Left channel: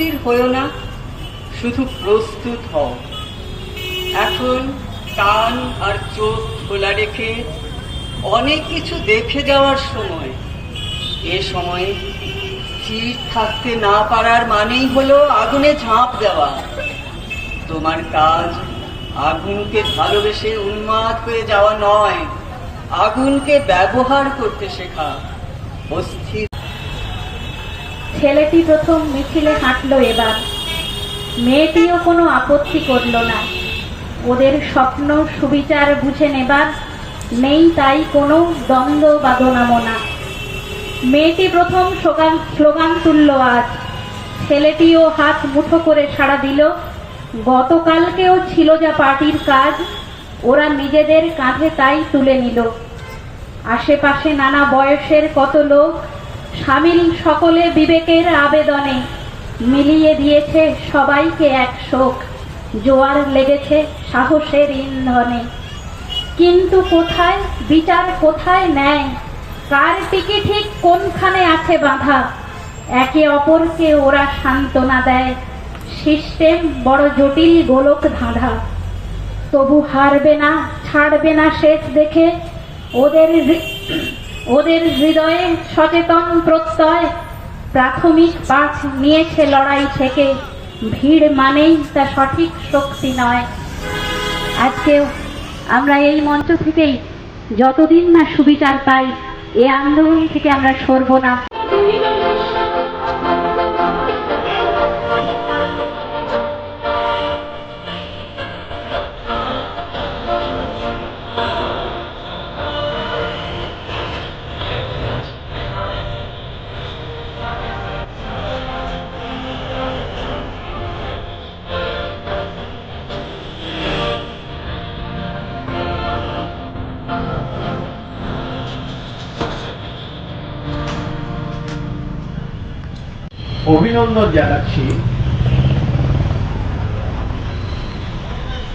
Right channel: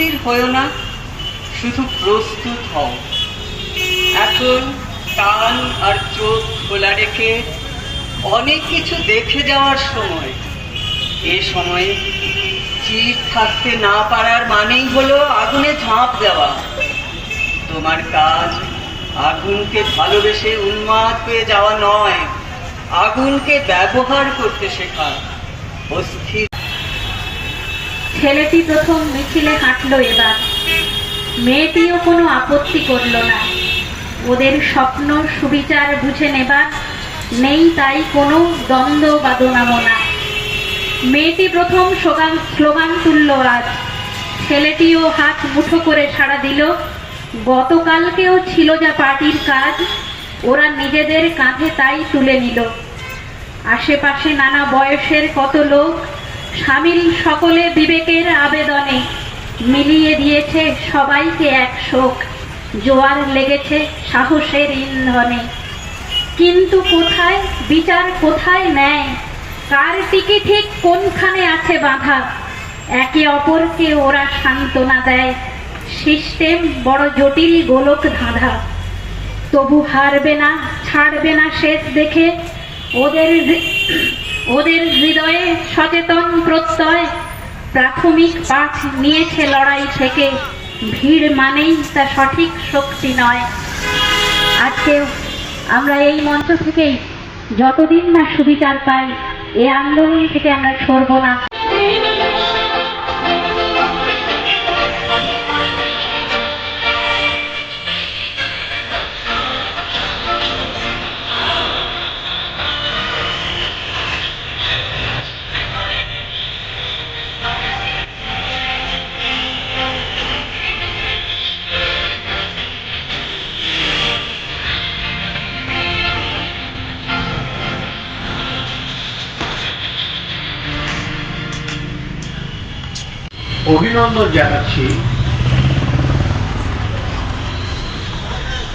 অস্থির হয়েও না, শুধু প্রস্তুত হও। এখন কান আর চোখ খোলা রেখে অনেক কিছু দেখে যাওয়ার সময়। এ সময়ে চির থাকতে না পারার মানেই হলো আগুনে ঝাঁপ দেওয়া। তোমার কাজ আগুনকে ভালোবেসে উন্মাদ হয়ে যাওয়া নয়, আগুনকে ব্যবহার করতে শেখা। অস্থির ছেলেটি প্রথম মিছিলে হাঁটলো এবার। মেয়েটিও কোনো আপত্তি করল না। ওদের স্বপ্ন, সুবিচার বুঝে নেবার নেই তাই কোনো দ্বন্দ্ব বা দোনামোনা মেয়েটি প্রথম স্লোগান স্লোগান তুলল আজ। ছেলেটিও হাত মুঠো করে সাড়া দিল, গতকালকেও ছিল যা পার্টির কাজ, ওরা নিজেদের কাঁধে তাই তুলে নিল। আশেপাশে নানা বয়সের কত লোক স্বামীর সকলে বিবেকের আবেদনে মিলিয়ে দিয়েছে সবাইকে এক শোক। জোয়ার লেগেছে সাহসের ইন্ধনে। কিন্তু কোথায়, বিচার কোথায় নেয় কার টিকে ঠিক কোনখানে আছে বাঁধা? একে অপরকে ওরা সান্ত্বনা দেয়। সিস্টেম বড় জটিল গোলক ধাঁধা। তবু হারবে না, ছাড়বে না শেষ দেখে ওদের ওদের হৃদয়ে সচেতন প্রত্যয়, প্রাথমিক পাঠ নিয়েছে লড়াই থেকে। ভিড় মানেই তা সঠিক শক্তি নয়। আজকেও আমরা এই মঞ্চ থেকেই যতদিন না সুবিচার পাই, এ আন্দোলন থেকে আমরা সরব না। অভিনন্দন জানাচ্ছি।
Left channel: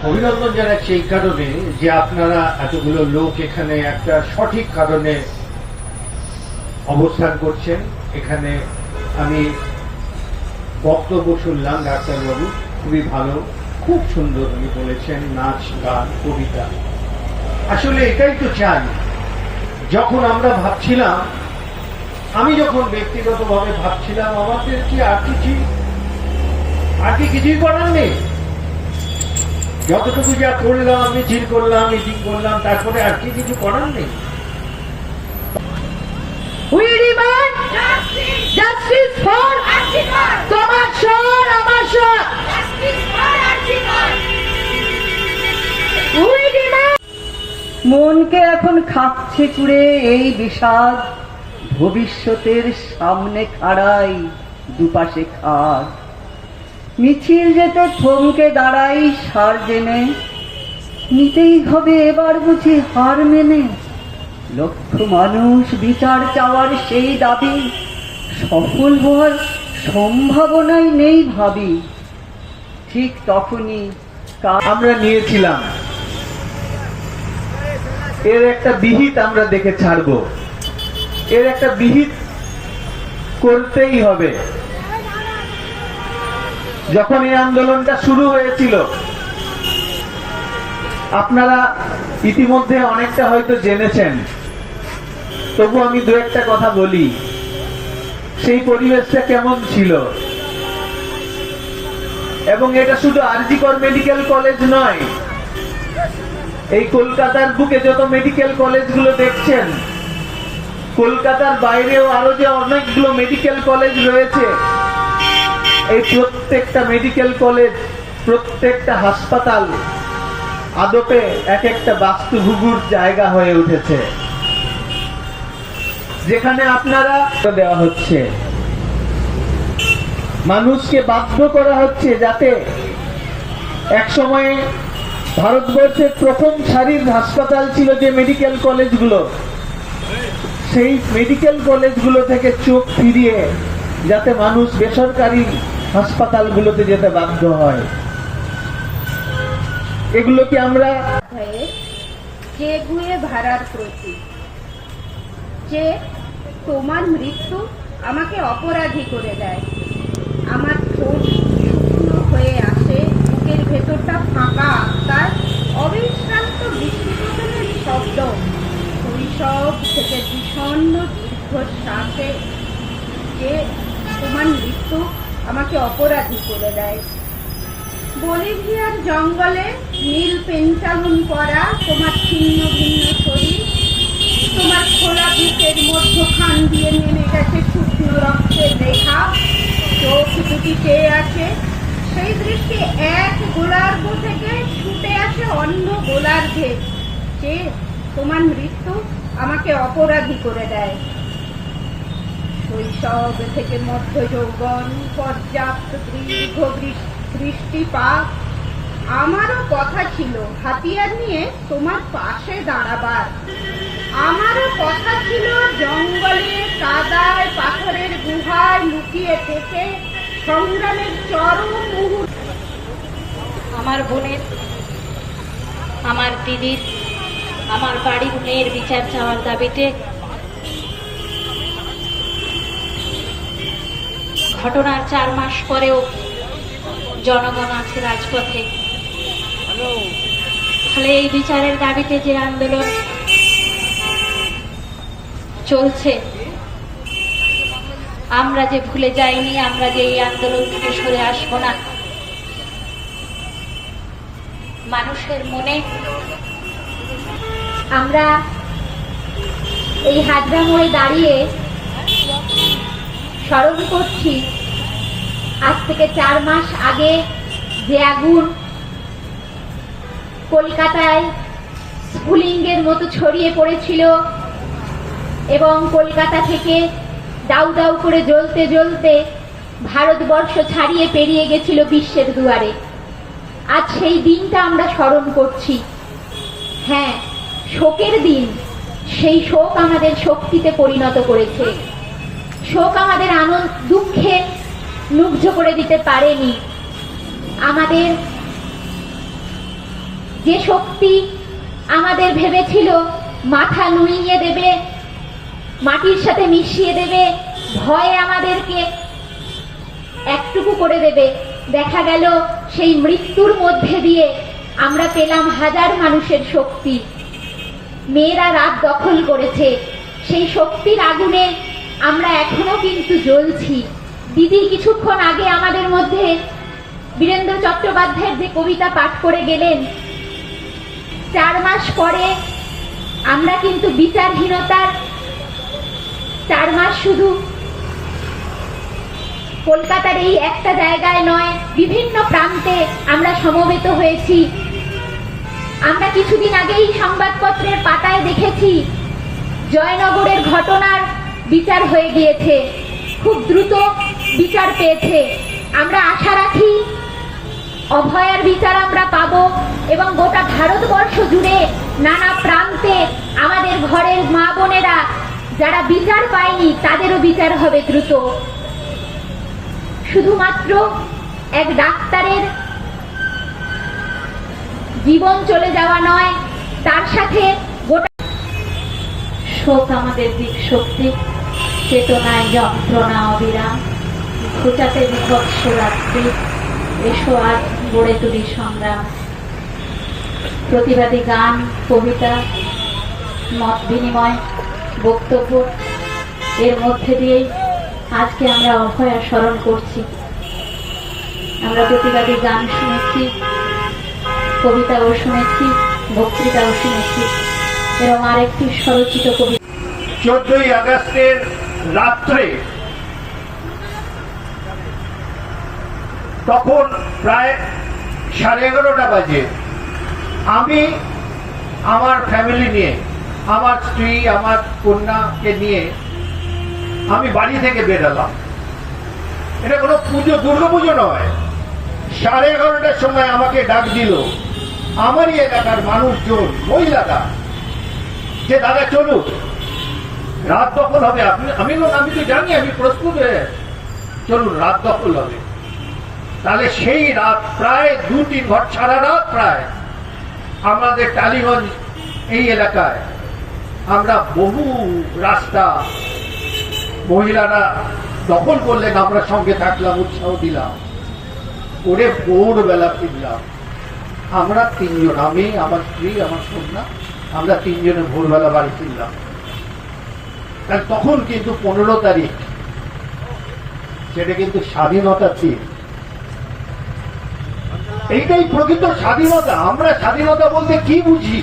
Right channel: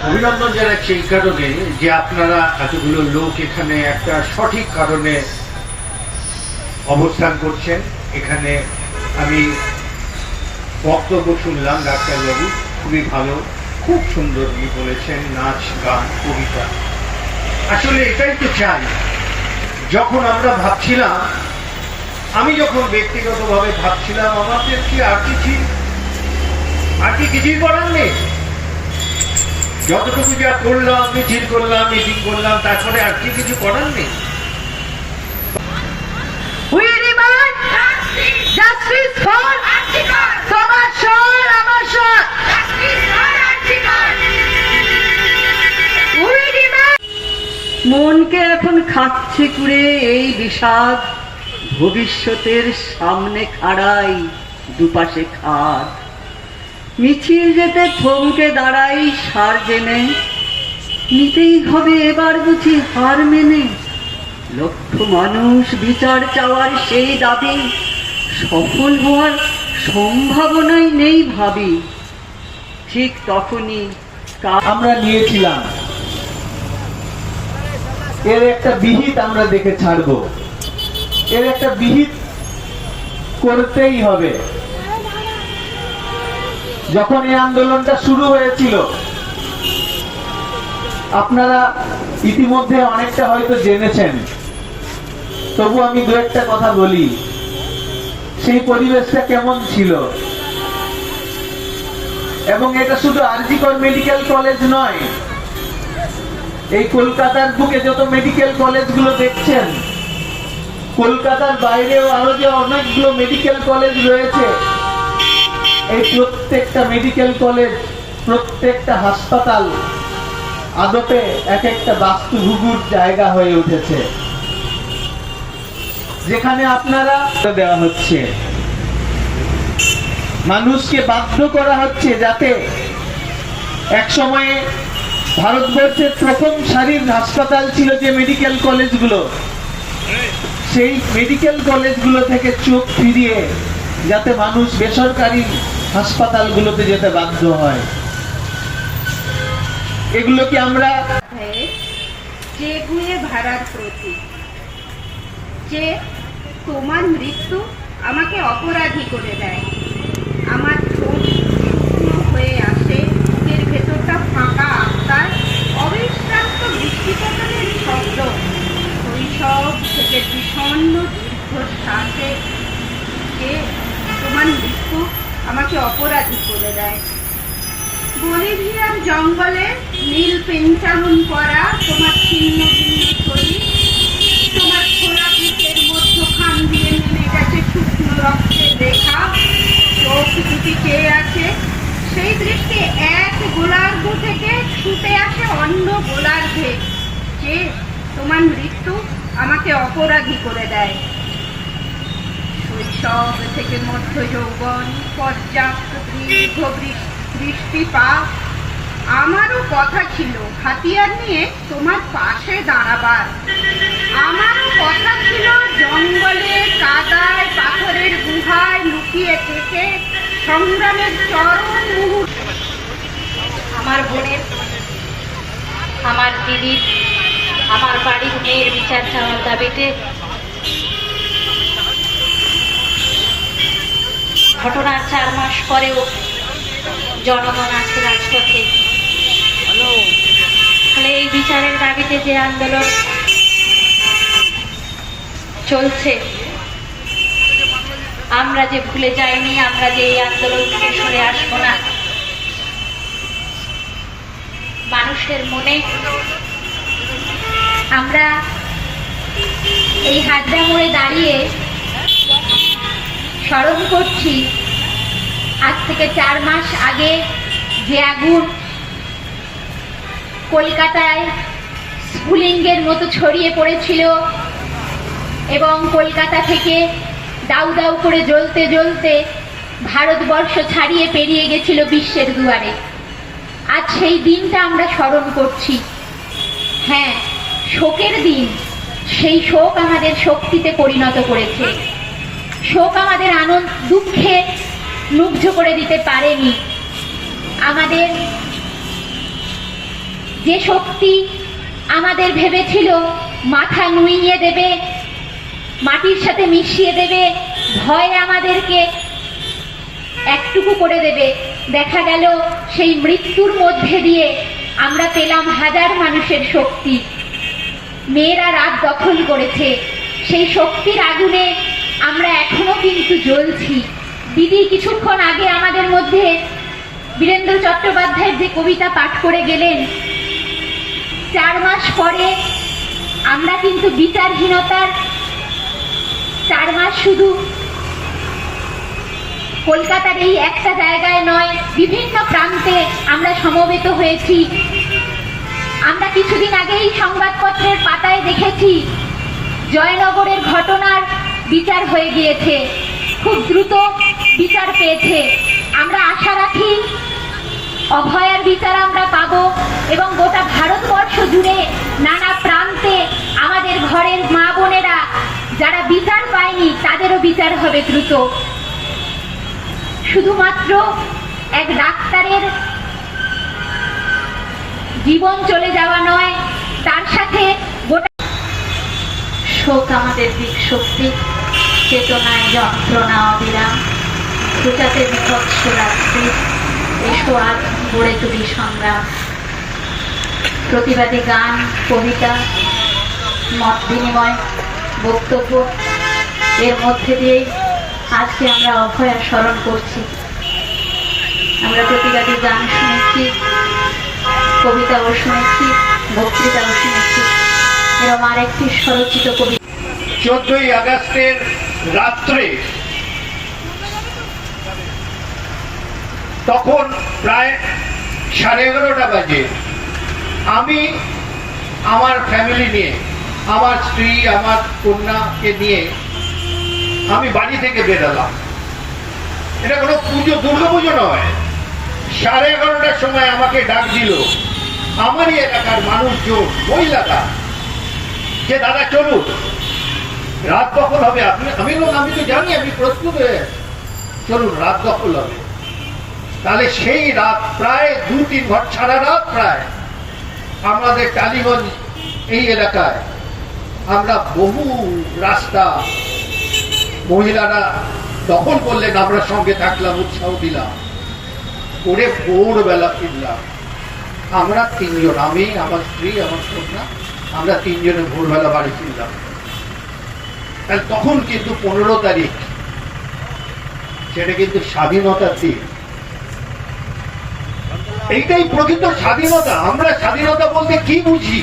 অভিনন্দন জানাচ্ছি এই কারণে যে আপনারা এতগুলো লোক এখানে একটা সঠিক কারণে অবস্থান করছেন। এখানে আমি বক্তব্য শুনলাম ডাক্তারবাবু খুবই ভালো, খুব সুন্দর উনি বলেছেন, নাচ, গান, কবিতা। আসলে এটাই তো চান যখন আমরা ভাবছিলাম আমি যখন ব্যক্তিগতভাবে ভাবছিলাম আমাদের কি আর কিছু আর কি কিছুই করার নেই। যতটুকু যা করলাম মিছিল করলাম মিটিং করলাম তারপরে আর কি কিছু করার নেই। We demand justice for তোমার স্বর আমার স্বর। মনকে এখন খাচ্ছে কুড়ে এই বিষাদ। ভবিষ্যতের সামনে খাড়াই দুপাশে খাদ মিছিল যেতে থমকে দাঁড়াই সার জেনে। নিতেই হবে এবার বুঝি হার মেনে। লক্ষ মানুষ বিচার চাওয়ার সেই দাবি। সফল হওয়ার সম্ভাবনাই নেই ভাবি। ঠিক তখনই আমরা নিয়েছিলাম। এর একটা বিহিত আমরা দেখে ছাড়ব। এর একটা বিহিত করতেই হবে। যখন এই আন্দোলনটা শুরু হয়েছিল, আপনারা ইতিমধ্যে অনেকটা হয়তো জেনেছেন। তবু আমি দু একটা কথা বলি। সেই পরিবেশটা কেমন ছিল? এবং এটা শুধু আরজিকর মেডিকেল কলেজ নয়, এই কলকাতার বুকে যত মেডিকেল কলেজগুলো দেখছেন কলকাতার বাইরেও আরও যে অনেকগুলো মেডিকেল কলেজ রয়েছে, এই প্রত্যেকটা মেডিকেল কলেজ প্রত্যেকটা হাসপাতাল আদপে এক একটা বাস্তুভুগুর জায়গা হয়ে উঠেছে। যেখানে আপনারা দেওয়া হচ্ছে। মানুষকে বাধ্য করা হচ্ছে যাতে এক সময়ে ভারতবর্ষের প্রথম সারির হাসপাতাল ছিল যে মেডিকেল কলেজগুলো সেই মেডিকেল কলেজগুলো থেকে চোখ ফিরিয়ে যাতে মানুষ বেসরকারি হাসপাতালগুলোতে যেতে বাধ্য হয়। এগুলো কি আমরা যে গুয়ে ভাড়ার প্রতি, যে তোমার মৃত্যু আমাকে অপরাধী করে দেয়। আমাকে অপরাধী করে দেয় বলিভিয়ার জঙ্গলে নীল পেঞ্চালুন করা তোমার ছিন্ন ভিন্ন শরীর, তোমার খোলা বুকের মধ্যখান দিয়ে নেমে গেছে শুকনো রক্তের রেখা। চোখ দুটি চেয়ে আছে? সেই দৃষ্টি এক গোলার্ধ থেকে ছুটে আসে অন্য গোলার্ধে যে তোমার মৃত্যু আমাকে অপরাধী করে দেয়। শৈশব থেকে মধ্য পর্যাপ্ত দীর্ঘ বৃষ্টিপাত আমারও কথা ছিল, হাতিয়ার নিয়ে তোমার পাশে দাঁড়াবার। আমারও কথা ছিল, জঙ্গলে কাদায় পাথরের গুহায় লুকিয়ে থেকে সংগ্রামের চরম মুহূর্ত। আমার বোনের, আমার দিদির, আমার বাড়ির মেয়ের বিচার চাওয়ার দাবিতে ঘটনার চার মাস পরেও জনগণ আছে রাজপথে। ফলে এই বিচারের দাবিতে যে আন্দোলন চলছে, আমরা যে ভুলে যাইনি, আমরা যে এই আন্দোলন থেকে সরে আসব না। মানুষের মনে আমরা এই হাজরা মোড়ে দাঁড়িয়ে স্মরণ করছি, আজ থেকে চার মাস আগে যে আগুন কলকাতায় স্ফুলিঙ্গের মতো ছড়িয়ে পড়েছিল এবং কলকাতা থেকে দাউ দাউ করে জ্বলতে জ্বলতে ভারতবর্ষ ছাড়িয়ে পেরিয়ে গেছিল বিশ্বের দুয়ারে। আজ সেই দিনটা আমরা স্মরণ করছি। হ্যাঁ শোকের দিন, সেই শোক আমাদের শক্তিতে পরিণত করেছে। শোক আমাদের আনন্দ, দুঃখে মুগ্ধ করে দিতে পারেনি। আমাদের যে শক্তি আমাদের ভেবেছিল, মাথা নুইয়ে দেবে, মাটির সাথে মিশিয়ে দেবে, ভয় আমাদেরকে একটুকু করে দেবে। দেখা গেল, সেই মৃত্যুর মধ্যে দিয়ে আমরা পেলাম হাজার মানুষের শক্তি। মেয়েরা রাত দখল করেছে। সেই শক্তির আগুনে আমরা এখনও কিন্তু জ্বলছি? দিদি কিছুক্ষণ আগে আমাদের মধ্যে বীরেন্দ্র চট্টোপাধ্যায়ের যে কবিতা পাঠ করে গেলেন, চার মাস পরে আমরা কিন্তু বিচারহীনতার চার মাস শুধু কলকাতার এই একটা জায়গায় নয়, বিভিন্ন প্রান্তে আমরা সমবেত হয়েছি। আমরা কিছুদিন আগেই সংবাদপত্রের পাতায় দেখেছি, জয়নগরের ঘটনার বিচার হয়ে গিয়েছে। খুব দ্রুত বিচার পেয়েছে। আমরা আশা রাখি অভয়ার বিচার আমরা পাব এবং গোটা ভারতবর্ষ জুড়ে নানা প্রান্তে আমাদের ঘরের মা বোনেরা যারা বিচার পায়নি, তাদেরও বিচার হবে দ্রুত। শুধুমাত্র এক ডাক্তারের জীবন চলে যাওয়া নয়, তার সাথে গোটা শোক আমাদের দিক শক্তি। চেতনায় যন্ত্রণা অবিরাম ঘুচাতে বিভৎস রাত্রি এসো আজ গড়ে তুলি সংগ্রাম প্রতিবাদী গান কবিতা মত বিনিময় বক্তব্য এর মধ্যে দিয়েই আজকে আমরা অভয়া স্মরণ করছি আমরা প্রতিবাদী গান শুনেছি কবিতাও শুনেছি বক্তৃতাও শুনেছি এরকম আরেকটি স্বরচিত কবিতা চোদ্দই আগস্টের রাত্রে। তখন প্রায় সাড়ে এগারোটা বাজে। আমি, আমার ফ্যামিলি নিয়ে, আমার স্ত্রী, আমার কন্যাকে নিয়ে আমি বাড়ি থেকে বেরোলাম এটা কোনো পুজো, দুর্গা পুজো নয়। সাড়ে এগারোটার সময় আমাকে ডাক দিল, আমারই এলাকার মানুষজন, মহিলারা, যে, দাদা, চলুন। রাত দখল হবে। আপনি আমি বললাম, আমি তো জানি আমি প্রস্তুত হয়ে। চলুন রাত দখল হবে। তাহলে সেই রাত প্রায় দু তিন ঘর সারা রাত প্রায়। আমাদের টালিগঞ্জ এই এলাকায় আমরা বহু রাস্তা মহিলারা দখল করলেন আমরা সঙ্গে থাকলাম উৎসাহ দিলাম। করে ভোরবেলা ফিরলাম। আমরা তিনজন আমি আমার স্ত্রী আমার কন্যা আমরা তিনজনে ভোরবেলা বাড়ি ফিরলাম। তখন কিন্তু পনেরো তারিখ, সেটা কিন্তু স্বাধীনতার দিক এইটাই প্রকৃত স্বাধীনতা। আমরা স্বাধীনতা বলতে কি বুঝি?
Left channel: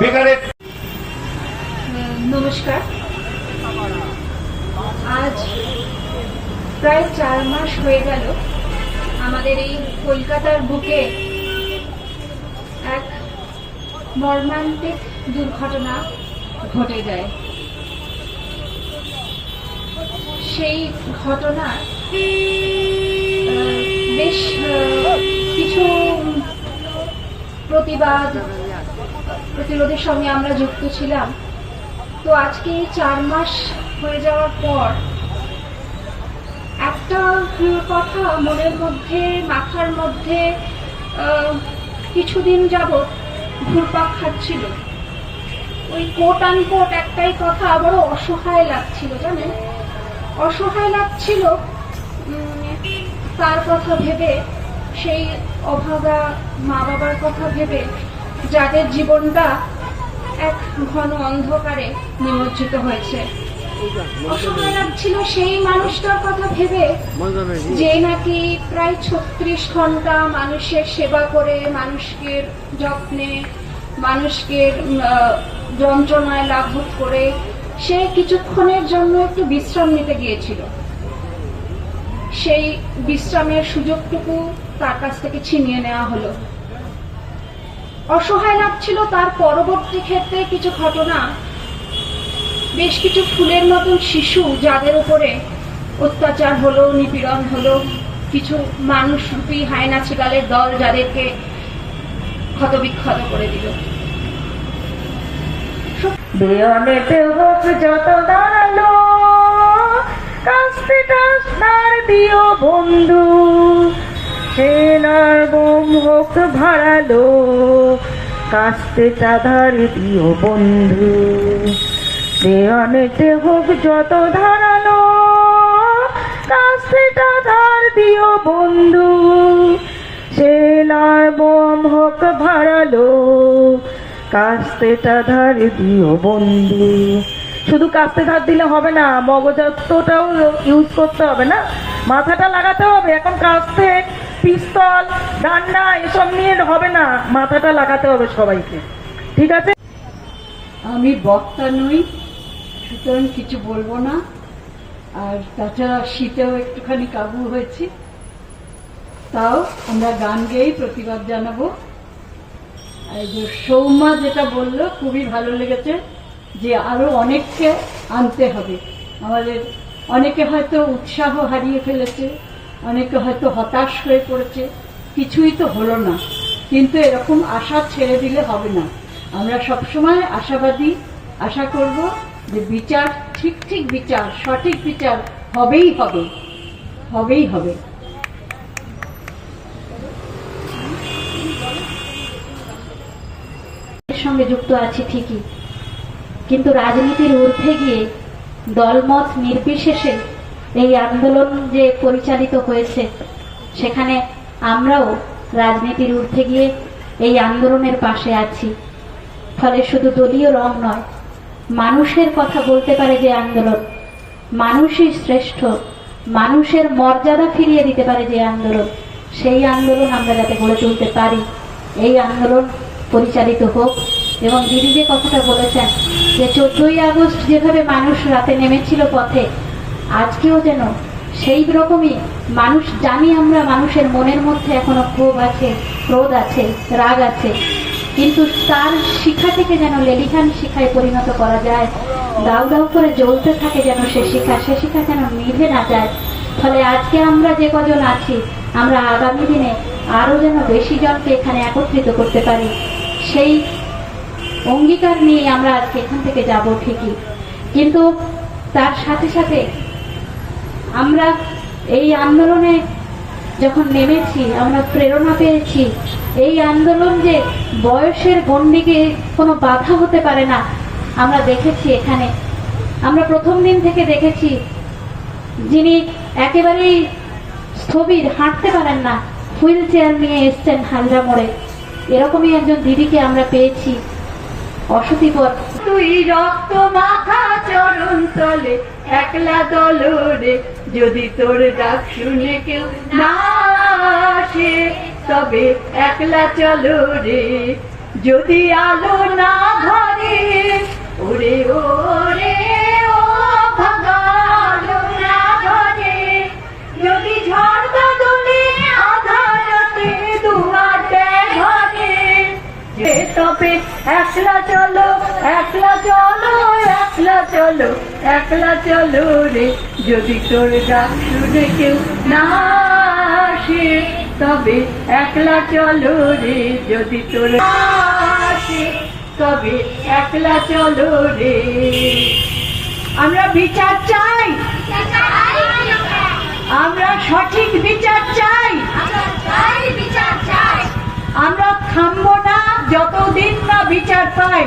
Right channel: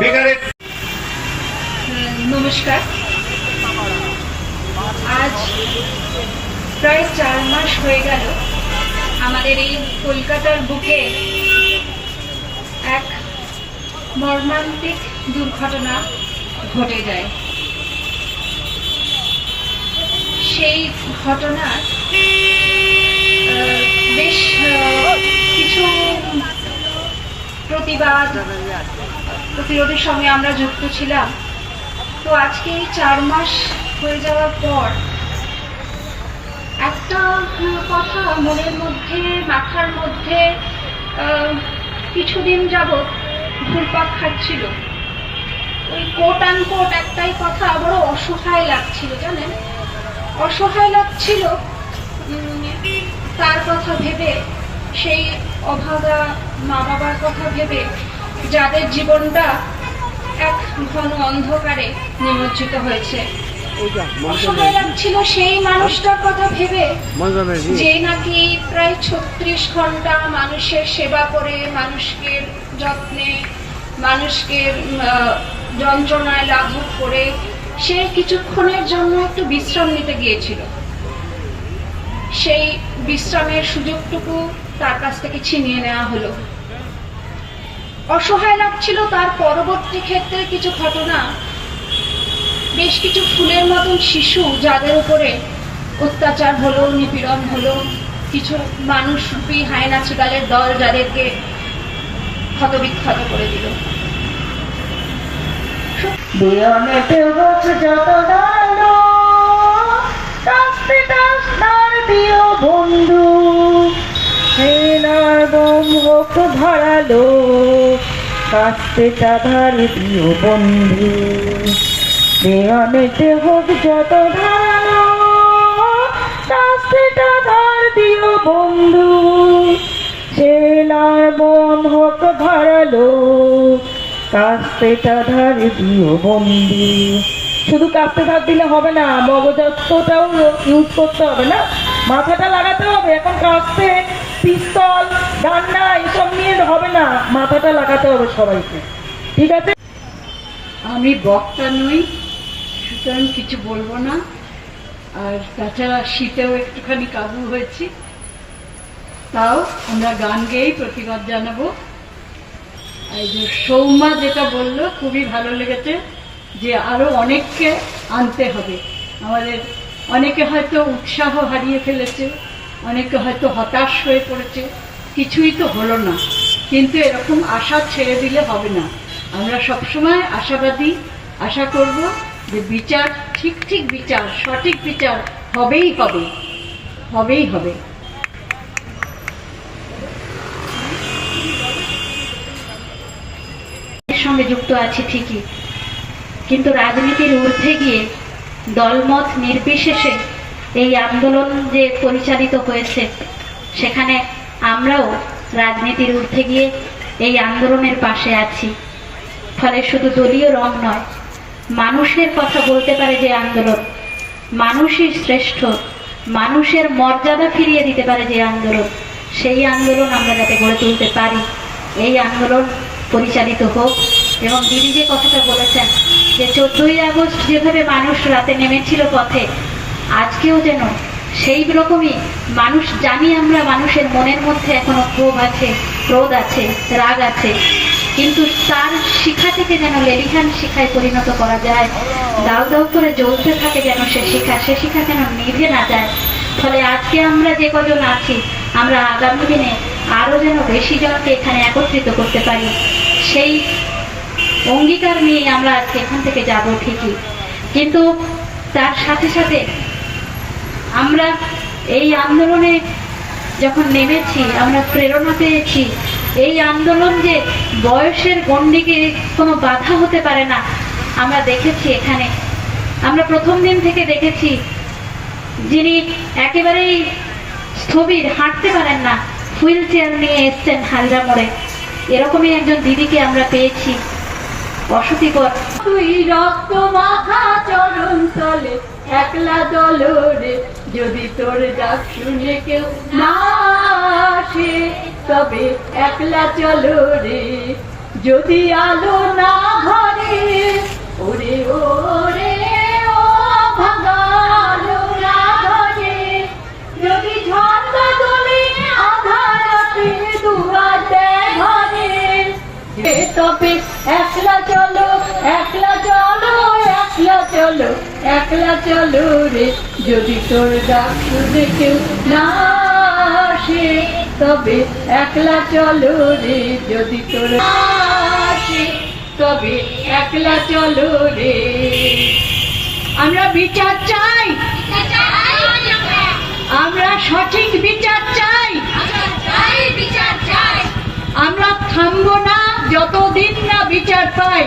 বেকারের নমস্কার। আজ প্রায় চার মাস হয়ে গেল আমাদের এই কলকাতার বুকে এক মর্মান্তিক দুর্ঘটনা ঘটে যায়। সেই ঘটনা বেশ কিছু প্রতিবাদ, প্রতিরোধের সঙ্গে আমরা যুক্ত ছিলাম। তো আজকে এই চার মাস হয়ে যাওয়ার পর একটা কথা মনের মধ্যে, মাথার মধ্যে কিছুদিন যাবৎ ঘুরপাক খাচ্ছিল। কোট একটাই কথা বড় অসহায় লাগছিল, জানেন? অসহায় লাগছিল তার কথা ভেবে, সেই অভাগা মা বাবার কথা ভেবে, যাদের জীবনটা এক ঘন অন্ধকারে নিমজ্জিত হয়েছে। অসহায় লাগছিল সেই মানুষটার কথা ভেবে, যে নাকি প্রায় ছত্রিশ ঘণ্টা মানুষের সেবা করে, মানুষকে যত্নে, মানুষকে যন্ত্রণায় লাঘব করে সে কিছুক্ষণের জন্য একটু বিশ্রাম নিতে গিয়েছিল। সেই বিশ্রামের সুযোগটুকু তার কাছ থেকে ছিনিয়ে নেওয়া হলো। অসহায় লাগছিল তার পরবর্তী ক্ষেত্রে কিছু ঘটনা। বেশ কিছু ফুলের মতন শিশু যাদের উপরে অত্যাচার হলো, নিপীড়ন হলো। কিছু মানুষরূপী হায়না চিকালের দল যাদেরকে ক্ষতবিক্ষত করে দিল। দেওয়ালেতে হোক যত দাঁড়াল, কাস্তে টাস্তার দিও বন্ধু। সেনার বোম হোক ভাড়ালো, কাস্তে চাধার দিও বন্ধু। দেওয়ালেতে হোক যত ধারালো কাস্তে ধার দিও বন্ধু। সেনার বোম হোক ভাড়ালো কাস্তেটা ধার দিও বন্ধু শুধু কাস্তে ধার দিলে হবে না মগজাতটাও ইউজ করতে হবে না। মাথাটা লাগাতে হবে, এখন কাস্তে, পিস্তল, ডান্ডা, এসব নিয়ে হবে না, মাথাটা লাগাতে হবে সবাইকে। ঠিক আছে? আমি বক্তা নই, সুতরাং কিছু বলব না। আর তাছাড়া শীতেও একটুখানি কাবু হয়েছি। তাও আমরা গান গেয়েই প্রতিবাদ জানাব। সৌমা যেটা বলল, খুবই ভালো লেগেছে যে আরও অনেককে আনতে হবে। আমাদের অনেকে হয়তো উৎসাহ হারিয়ে ফেলেছে, অনেকে হয়তো হতাশ হয়ে পড়েছে, কিছুই তো হলো না। কিন্তু এরকম আশা ছেড়ে দিলে হবে না। আমরা সবসময় আশাবাদী, আশা করব যে বিচার, ঠিক ঠিক বিচার, সঠিক বিচার হবেই হবে হবেই হবে এর সঙ্গে যুক্ত আছি ঠিকই। কিন্তু রাজনীতির ঊর্ধ্বে গিয়ে দলমত নির্বিশেষে এই আন্দোলন যে পরিচালিত হয়েছে, সেখানে আমরাও রাজনীতির ঊর্ধ্বে গিয়ে এই আন্দোলনের পাশে আছি। ফলে শুধু দলীয় রং নয়, মানুষের কথা বলতে পারে যে আন্দোলন, মানুষই শ্রেষ্ঠ, মানুষের মর্যাদা ফিরিয়ে দিতে পারে যে আন্দোলন, সেই আন্দোলন আমরা যাতে গড়ে তুলতে পারি। এই আন্দোলন পরিচালিত হোক এবং দিদি যে কথাটা বলেছেন যে চোদ্দই আগস্ট যেভাবে মানুষ রাতে নেমেছিল পথে, আজকেও যেন সেই রকমই মানুষ, জানি আমরা মানুষের মনের মধ্যে এখনও ক্ষোভ আছে, ক্রোধ আছে, রাগ আছে, কিন্তু তার শিখা থেকে যেন লেলিহান শিখায় পরিণত করা যায়, দাউ দাউ করে জ্বলতে থাকে যেন সে শিখা সে শিখা যেন নিভে না যায়। ফলে আজকে আমরা যে কজন আছি, আমরা আগামী দিনে আরও যেন বেশি জনকে এখানে একত্রিত করতে পারি, সেই অঙ্গীকার নিয়ে আমরা আজকে এখান থেকে যাব ঠিকই। কিন্তু তার সাথে সাথে আমরা এই আন্দোলনে যখন নেমেছি, আমরা প্রেরণা পেয়েছি, এই আন্দোলন যে বয়সের গণ্ডিকে কোনো বাধা হতে পারে না, আমরা দেখেছি এখানে। আমরা প্রথম দিন থেকে দেখেছি যিনি একেবারেই স্থবির, হাঁটতে পারেন না। হুইল চেয়ার নিয়ে এসছেন হালদা মোড়ে। এরকমই একজন দিদিকে আমরা পেয়েছি। অসতিপর তুই রক্ত মাখা চরণ তলে, একলা দলরে যদি তোর ডাক শুনে কেউ না আসে, তবে একলা চলো রে যদি আলো না ঘরে ওরে ও তবে একলা চলো একলা চলো একলা চলো একলা চলো রে। যদি তোর ডাক শুনে কেউ না আসে তবে একলা চলো রে। যদি তোর আসে তবে একলা চলো রে। আমরা বিচার চাই। আমরা সঠিক বিচার চাই। আমরা থামবো না। যতদিন না বিচার পাই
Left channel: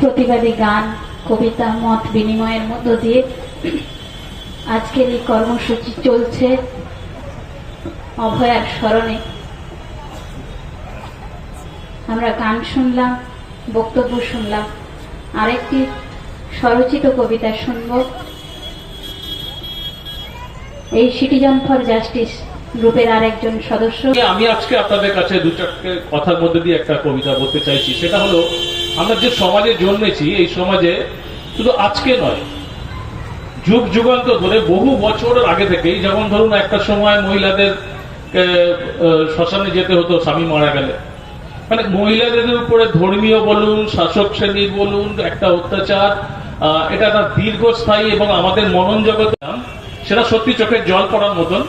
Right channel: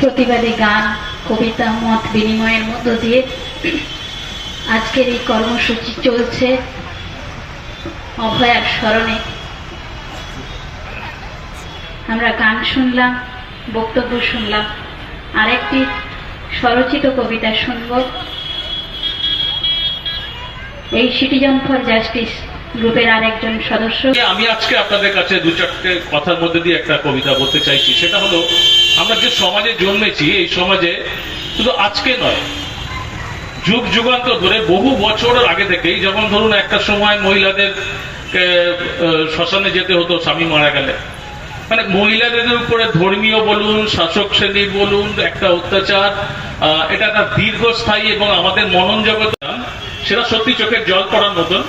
প্রতিবাদী গান কবিতা মত বিনিময়ের মধ্য দিয়ে আজকের এই কর্মসূচি চলছে অভয়ার স্মরণে। আমরা গান শুনলাম বক্তব্য শুনলাম আরেকটি স্বরচিত কবিতা শুনব। এই ফর জাস্টিস গ্রুপের আরেকজন সদস্য। আমি আজকে আপনাদের কাছে দু চারটে কথার মধ্যে দিয়ে একটা কবিতা বলতে চাইছি। সেটা হলো, আমরা যে সমাজে জন্মেছি, এই সমাজে শুধু আজকে নয়, যুগ ধরে বহু বছরের আগে থেকেই, যেমন ধরুন একটা সময় মহিলাদের শ্মশানে যেতে হতো, স্বামী মারা গেলে। মানে মহিলাদের উপরে ধর্মীয় বলুন, শাসক শ্রেণির বলুন, একটা অত্যাচার এটা একটা দীর্ঘস্থায়ী এবং আমাদের মনন জগৎ সেটা সত্যি চোখের জল পড়ার মতন।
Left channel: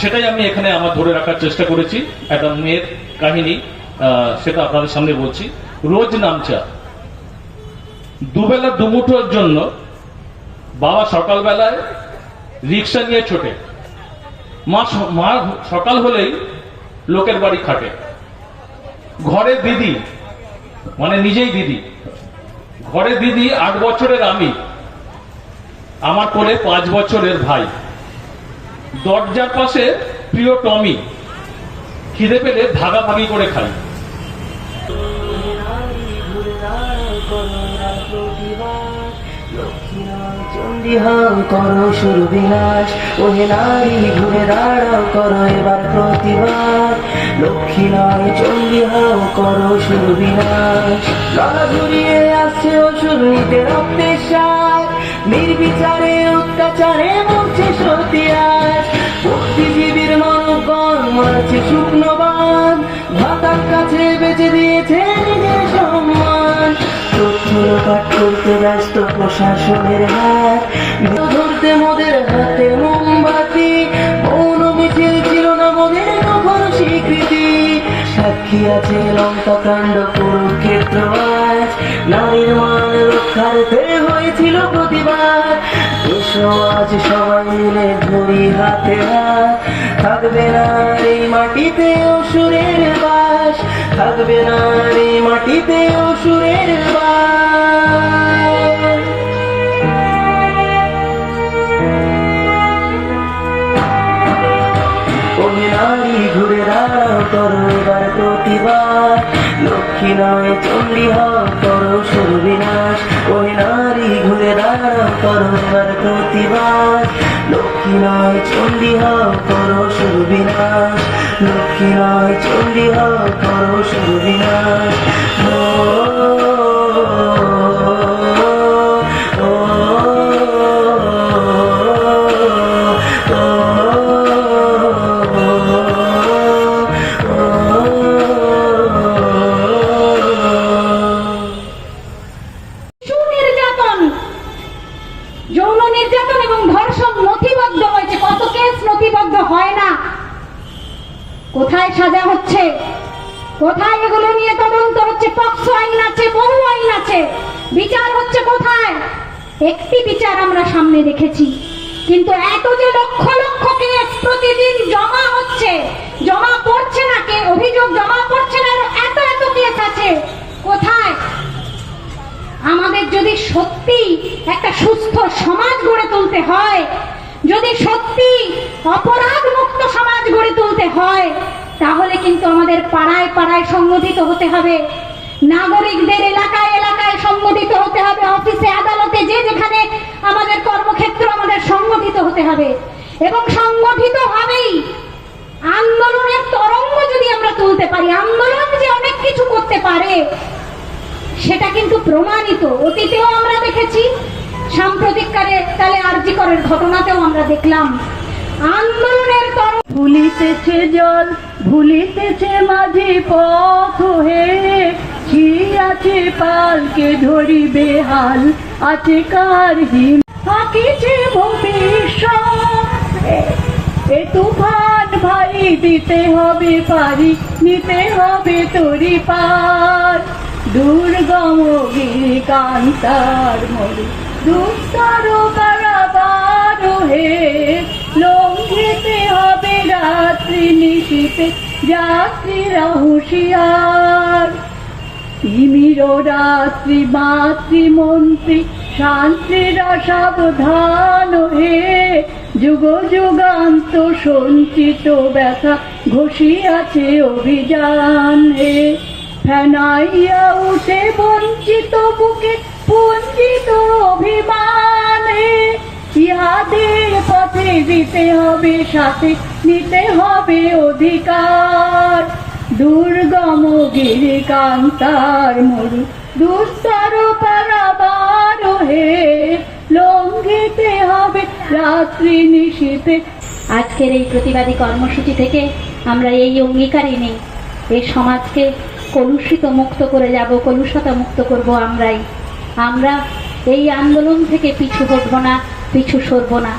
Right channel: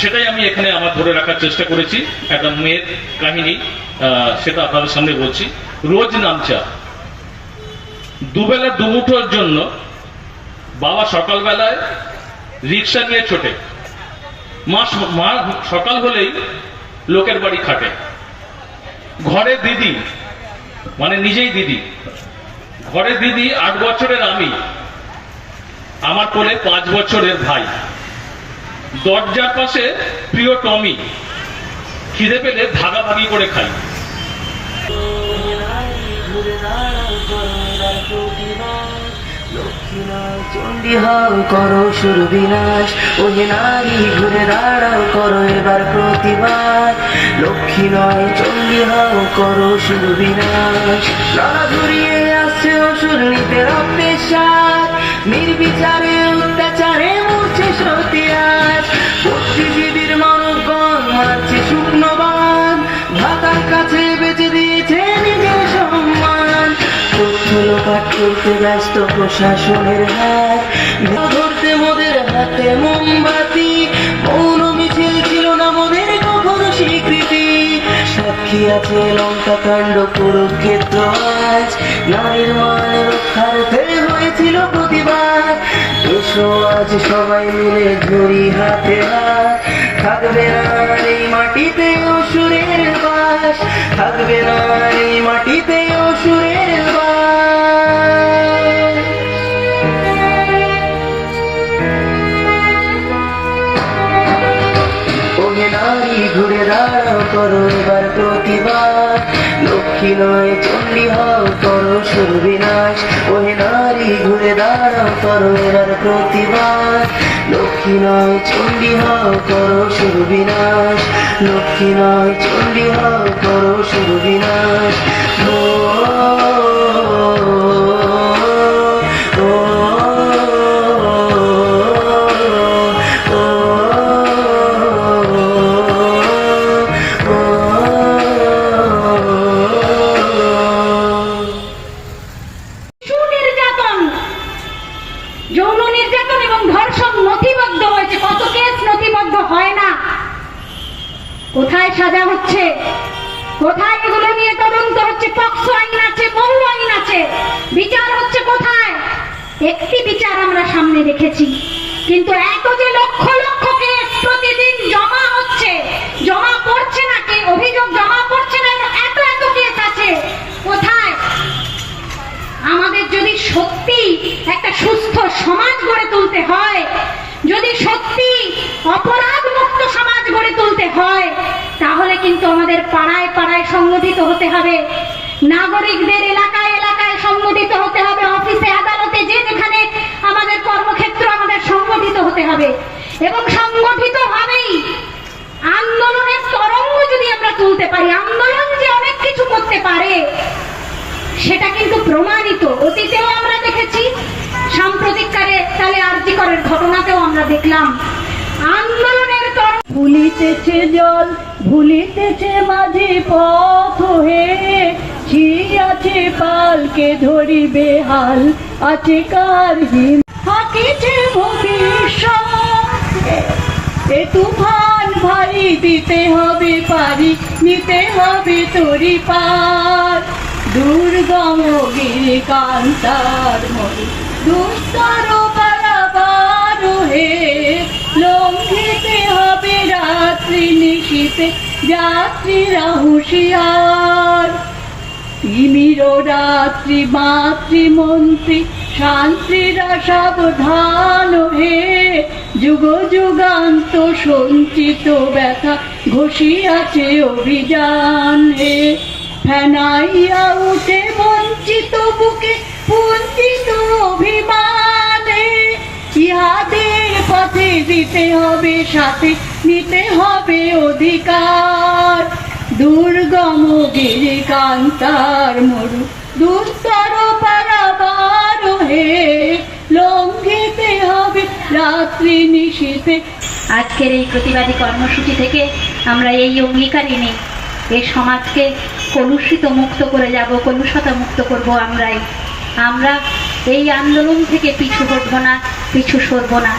সেটাই আমি এখানে আমার ধরে রাখার চেষ্টা করেছি। একটা মেয়ের কাহিনী সেটা আপনাদের সামনে বলছি। রোজ নামচা। দুবেলা দুমুঠোর জন্য বাবা সকালবেলায় রিক্সা নিয়ে ছোটে। মা মা সকাল হলেই লোকের বাড়ি খাটে। ঘরে দিদি মানে নিজেই দিদি। ঘরে দিদি আট বছরের আমি। আমার পরে পাঁচ বছরের ভাই। দরজার পাশে প্রিয় টমি। খিদে পেলে ভাগাভাগি করে খাই। চণ্ডী করো ঘুরে করো লক্ষ্মী নয় চণ্ডী হও করো সুর বিলাস। লড়া ঘুরিয়ে আসছে অসুর নিতে নির্বিচারে, অত্যাচারে মরছে সতিয়াস বুদ্ধিজীবীর মানবগণ মারছে শুকনো বান ভাতার কাছে বেঁচে দিয়েছে নিজের সম্মান। লোপাট করতে ব্যস্ত প্রশাসনের হাত। ধরতে মোদের হাতে মোমবাতি। মৌন মিছিল ছিল না মোদের কখনো স্বীকৃতি। সাক্ষী আছে লঙ্কা কাণ্ড কুরুক্ষেত্র আজ। নারীর মান রক্ষার্থে হয়েছিল প্রতিবাদ এসো আজ সবাই মিলে ধরি হাতে হাত থাকবে না এই মাটিতে অসুরের বাস। থাকবে না এই মাটিতে অসুরের নারী, ঘুরে দাঁড়াও করো এবার প্রতিবাদ লক্ষ্মী নয় চণ্ডী হও করো সুর ওহে নারী ঘুরে দাঁড়াও করো এবার প্রতিবাদ লক্ষ্মী নয়, চণ্ডী হও, করো সুর বিনাশ। লক্ষ্মী নয়, চণ্ডী হও, করো বিনাশ। যৌন নির্যাতন এবং ধর্ষণ নথিবদ্ধ হয়েছে। কত কেস নথিবদ্ধ হয় না? কোথায় সাজা হচ্ছে? কোথায় এগুলো নিয়ে তদন্ত হচ্ছে? পক্সো আইন আছে, বহু আইন আছে। বিচার হচ্ছে কোথায়? একটি বিচার আমরা সামনে রেখেছি কিন্তু এত যে লক্ষ লক্ষ কেস প্রতিদিন জমা হচ্ছে, জমা পড়ছে না কে? অভিযোগ জমা পড়ছে না, এত এত কেস আছে। কোথায়? আমাদের যদি সত্যি একটা সুস্থ সমাজ গড়ে তুলতে হয়, যদি সত্যি অপরাধ মুক্ত সমাজ গড়ে তুলতে হয়, তাহলে কিন্তু আমাদের পাড়ায় পাড়ায় সংগঠিত হতে হবে। নাগরিকদের এলাকায় এলাকায় সংগঠিত হতে হবে অফিসে আদালতে যে যেখানে আমাদের কর্মক্ষেত্র আমাদের সংগঠিত হতে হবে এবং সংগঠিত হবেই আন্দোলনের তরঙ্গ যদি আমরা তুলতে পারি আন্দোলন যে অনেক কিছু করতে পারে সেটা কিন্তু প্রমাণিত অতীতেও আমরা দেখেছি সাম্প্রতিককালে কালে আরজিকরের ঘটনাতেও দেখলাম আন্দোলনের ভুলিতেছে জল, ভুলিতেছে মাঝে পথ হে। পালকে ধরিবে হাল আছে হাকিছে এ তুফান ভাই দিতে হবে পারি, নিতে হবে তরি পার। দুর্গম মরু দুস্তর পারাবার হে লঙ্ঘিতে হবে রাত্রি যাত্রীরা হুঁশিয়ার তিমির রাত্রি মাতৃমন্ত্রী শান্তিরা সাবধান হে। যুগ যুগান্ত সঞ্চিত ব্যথা ঘষিয়াছে অভিযান হে। ফেনাইয়া উঠে বঞ্চিত বুকে পুঞ্জিত অভিমান ইহাদের পথে দিতে হবে সাথে, নিতে হবে অধিকার। দুর্গম গিরি কান্তার মরু দুস্তর পারাবার হে লঙ্ঘিতে হবে রাত্রি নিশীতে আজকের এই প্রতিবাদী কর্মসূচি থেকে আমরা এই অঙ্গীকারই নেই। এই সমাজকে কলুষিত মুক্ত করে যাব, কলুষতা মুক্ত করব আমরাই। আমরা এই আন্দোলন থেকে পিছু হটব না। পিছু সরব না।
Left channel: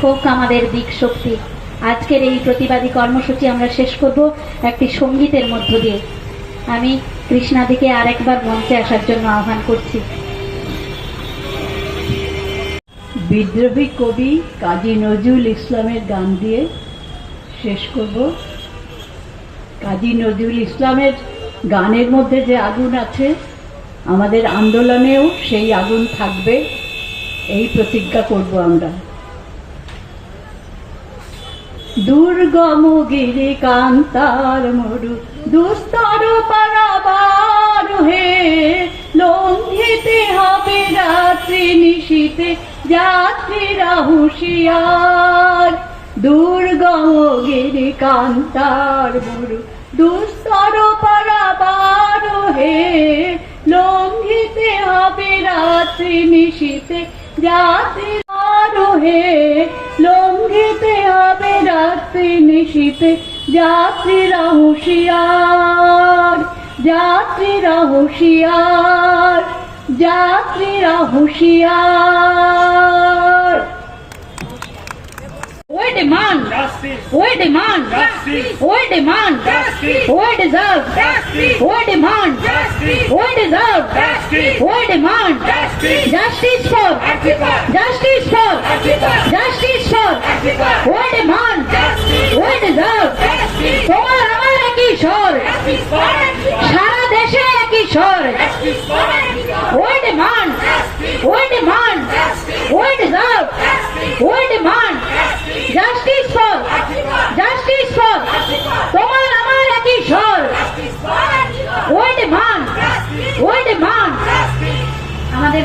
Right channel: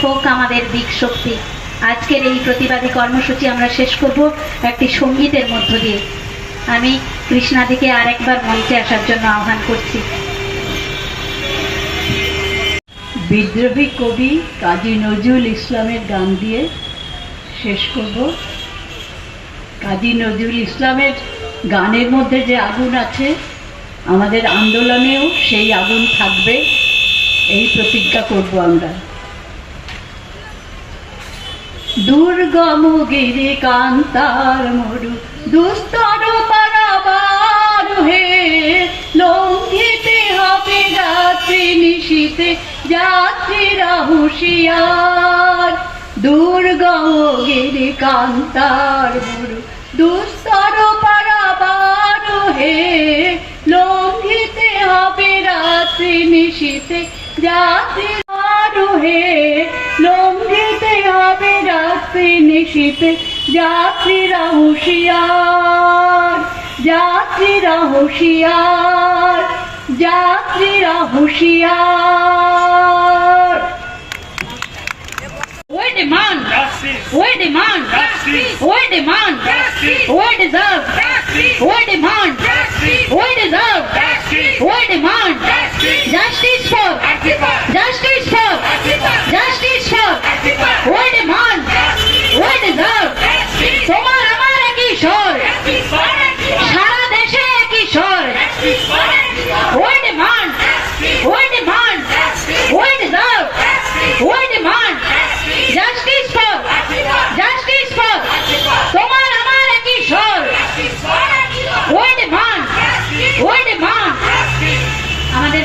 শোক আমাদের দিক শক্তি। আজকের এই প্রতিবাদী কর্মসূচি আমরা শেষ করব একটি সঙ্গীতের মধ্য দিয়ে। আমি কৃষ্ণাদিকে আরেকবার মঞ্চে আসার জন্য আহ্বান করছি। বিদ্রোহী কবি কাজী নজরুল ইসলামের গান দিয়ে শেষ করব। কাজী নজরুল ইসলামের গানের মধ্যে যে আগুন আছে, আমাদের আন্দোলনেও সেই আগুন থাকবে। এই প্রতিজ্ঞা করব আমরা। দুর্গম গিরি কান্তার মরু, দুস্তর লঙ্ঘিতে হবে রাত্রি নিশীতে যাত্রীরা হুঁশিয়ার দুর্গম গিরি কান্তার মরু, দুস্তর পারাবার হে লঙ্ঘিতে হবে রাত্রি নিশীতে যাত্রীর হে লঙ্ঘিতে হবে রাত্রি নিশীতে। যাত্রীরা হুঁশিয়ার যাত্রীরা হুঁশিয়ার যাত্রীরা হুঁশিয়ার demand Justice. We demand Justice. We demand Justice. We deserve Justice. We demand Justice. We deserve Justice. We demand Justice. Justice for Antifa. Justice for Antifa. Justice for Antifa. We demand Justice. We deserve Justice. তোমার আমার একই স্বর. সারা দেশে একই স্বর We demand. We demand. We deserve Justice for Antifa. Justice for Antifa. তোমার আমার একই স্বর Justice. We demand Justice. আমাদের